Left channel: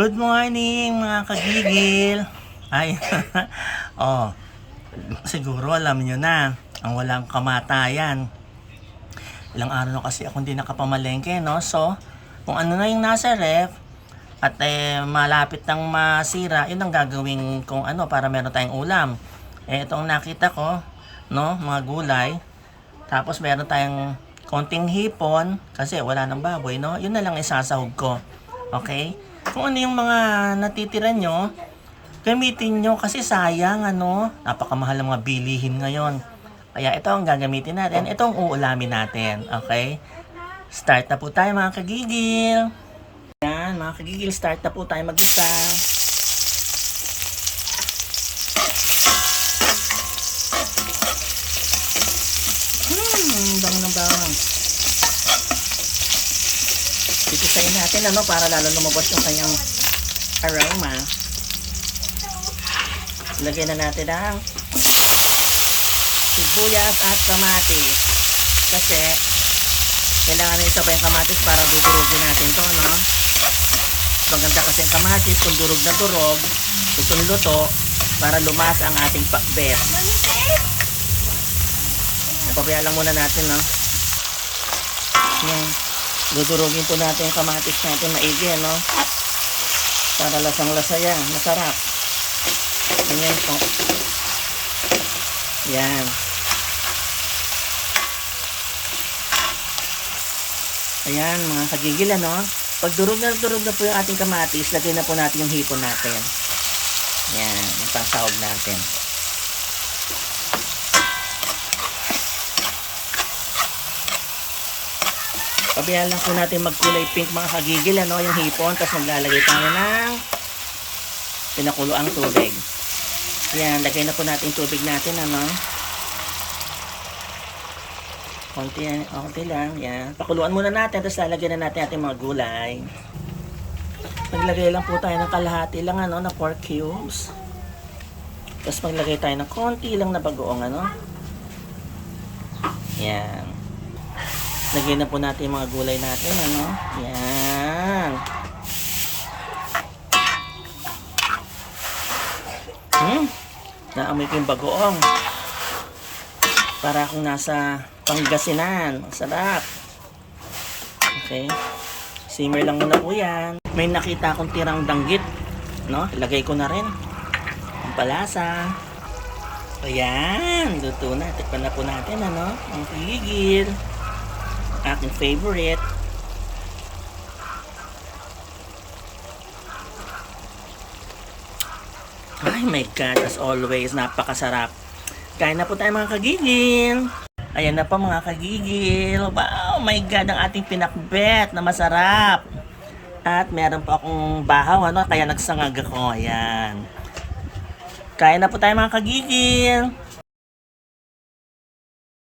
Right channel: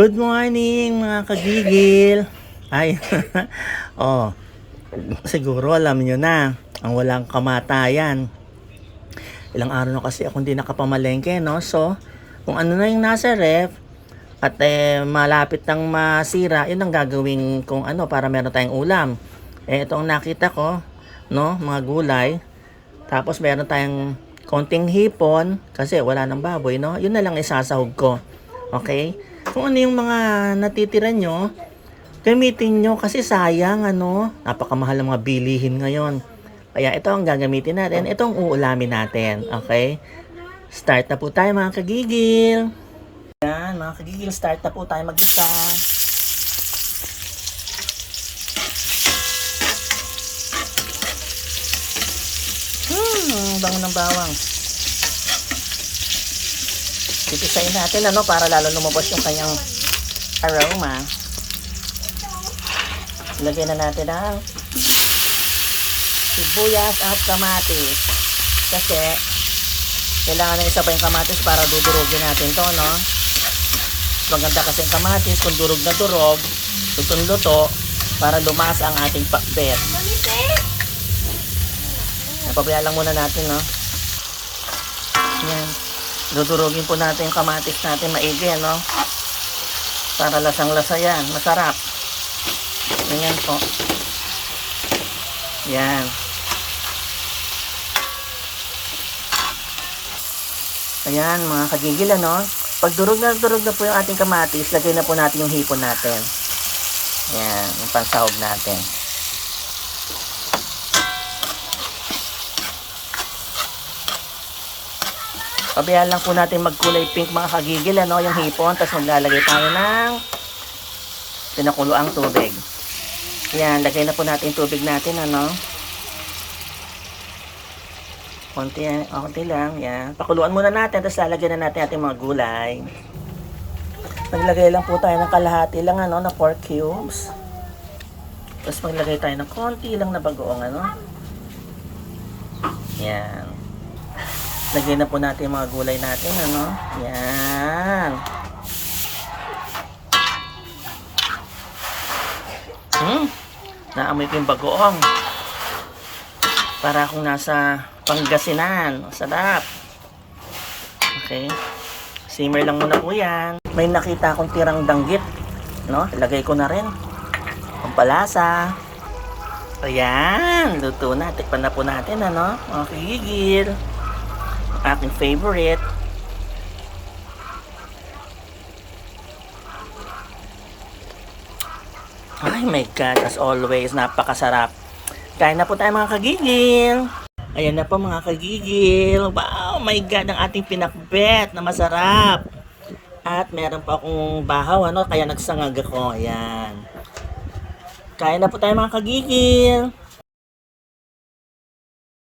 Good morning mga kagigil. Ay, oh, siguro alam nyo na, ang walang kamatayan. Ilang araw na kasi akong hindi nakapamalengke, no? So, kung ano na yung nasa ref, at malapit nang masira, yun ang gagawin kung ano para meron tayong ulam. Ito ang nakita ko, no? Mga gulay. Tapos meron tayong konting hipon, kasi wala nang baboy, no? Yun na lang isasahog ko. Okay? Kung ano yung mga natitira nyo, gamitin nyo kasi sayang, ano, napakamahal ng mga bilihin ngayon. Kaya ito ang gagamitin natin, itong uulamin natin, okay? Start na po tayo mga kagigil. Yan, mga kagigil, start na po tayo mag-isa. Bango ng bawang. Titisayin natin, ano, para lalo lumabas yung kanyang aroma. Lagyan na natin ang sibuyas at kamatis. Kasi kailangan na isabay yung kamatis para dudurugin natin to, no? Maganda kasi yung kamatis kung durog na durog, lutong-luto, para lumas ang ating pakbet. Pabayaan lang muna natin, no? Yan. Dudurugin po natin yung kamatis natin maigi, no? Para lasang-lasa yan. Masarap. Ganyan po. Yan. Ayan, mga kagigil, ano? Pag durog na po yung ating kamatis, lagay na po natin yung hipon natin. Yan, yung pansahog natin. Pabayaan lang po natin magkulay pink mga kagigil, ano, yung hipon. Tapos maglalagay tayo ng pinakuloang tubig. Yan, lagay na po natin yung tubig natin, ano. Konti lang, yan. Pakuluan muna natin, tapos lalagyan na natin ating mga gulay. Maglagay lang po tayo ng kalahati lang, ano, na pork cubes. Tapos maglagay tayo ng konti lang na bagoong, ano. Yan. Lagyan na po natin yung mga gulay natin, ano. Yan. Naamoy ko yung bagoong. Para akong nasa Pangasinan. Masarap. Okay. Simmer lang muna po yan. May nakita akong tirang danggit, no? Ilagay ko na rin. Pampalasa. Ayan. Luto na. Tikpan na po natin, ano. Mga kigigil. Aking favorite. Ay my God, as always, napakasarap. Kain na po tayo mga kagigil. Ayan na po mga kagigil. Wow, my God, ang ating pinakbet na masarap. At meron pa akong bahaw, ano, kaya nagsangag ako. Ayan. Kain na po tayo mga kagigil.